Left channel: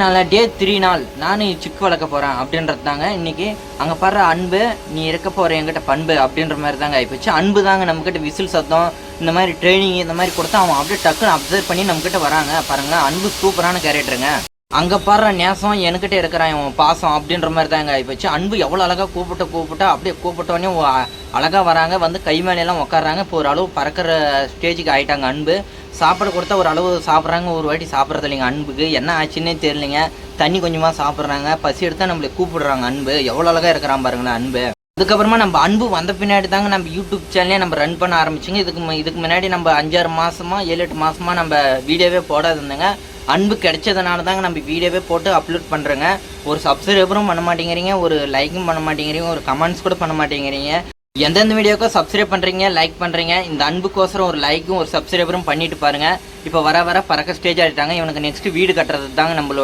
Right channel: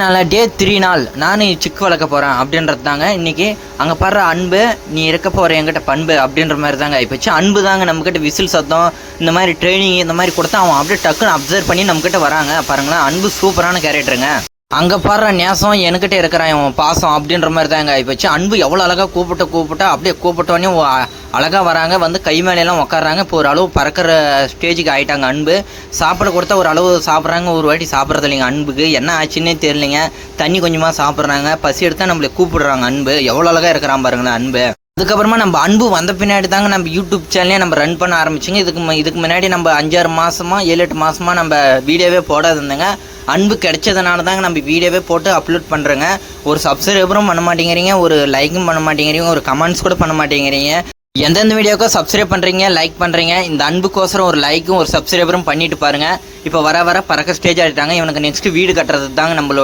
நாளா டே 3 நாள் நானும் சிக்கு வளர்க்க போகிறேன் அப்படின்றது தாங்க இன்றைக்கி. அங்கே பாடுற அன்பு நீ இருக்க போகிற என்கிட்ட பண்பு அப்படின்ற மாதிரி தாங்க ஆகிப்போச்சு. அன்பு தாங்க நம்மக்கிட்ட விசில் சத்தம் இந்த மாதிரி ட்ரைனிங் இந்த மாதிரி கொடுத்தா அவன் அப்படியே டக்குன்னு அப்சர்வ் பண்ணி நம்மக்கிட்ட வராங்க பாருங்களேன். அன்பு சூப்பரான கேரக்டருங்க. அங்கே பாடுற நேசம் என்கிட்ட இருக்கிறான் அவன் பாசம் அப்படின்ற மாதிரி தாங்க ஆகிப்போச்சு. அன்பு எவ்வளோ அழகாக கூப்பிட்டா அப்படியே கூப்பிட்டோடனே அழகாக வராங்க, வந்து கை மேலையெல்லாம் உட்காடுறாங்க. இப்போ ஒரு அளவு பறக்கிற ஸ்டேஜுக்கு ஆகிட்டாங்க. அன்பு சாப்பிட கொடுத்தா ஒரு அளவு சாப்பிட்றாங்க, ஒரு வாட்டி சாப்பிட்றது இல்லைங்க. அன்புக்கு என்ன ஆச்சுன்னே தெரியலைங்க. தண்ணி கொஞ்சமாக சாப்பிட்றாங்க, பசி எடுத்தால் நம்மளை கூப்பிடுறாங்க. அன்பு எவ்வளோ அழகாக இருக்கிறான் பாருங்களேன் அன்பு. அதுக்கப்புறமா நம்ம அன்பு வந்த பின்னாடி தாங்க நம்ம யூடியூப் சேனலே நம்ம ரன் பண்ண ஆரம்பிச்சிங்க. இதுக்கு முன்னாடி நம்ம 5-6 மாதமா 7-8 மாதமாக நம்ம வீடியோவே போடாது இருந்தேங்க. அன்பு கிடைச்சதுனால தாங்க நம்ம வீடியோவே போட்டு அப்லோட் பண்ணுறேங்க. ஒரு சப்ஸ்கிரைபரும் பண்ண மாட்டேங்கிறீங்க, ஒரு லைக்கும் பண்ண மாட்டேங்கிறீங்க, ஒரு கமெண்ட்ஸ் கூட பண்ண மாட்டேங்கிறீங்க. எந்தெந்த வீடியோக்கோ சப்ஸ்கிரைப் பண்ணுறீங்க, லைக் பண்ணுறீங்க. இந்த அன்புக்கோசரம் ஒரு லைக்கும் ஒரு சப்ஸ்கிரைபரும் பண்ணிட்டு பாருங்கள். இப்போ வர பறக்க ஸ்டேஜ் ஆகிட்டாங்க. இவனுக்கு நெக்ஸ்ட் வீடு கட்டுறது தாங்க நம்மளோட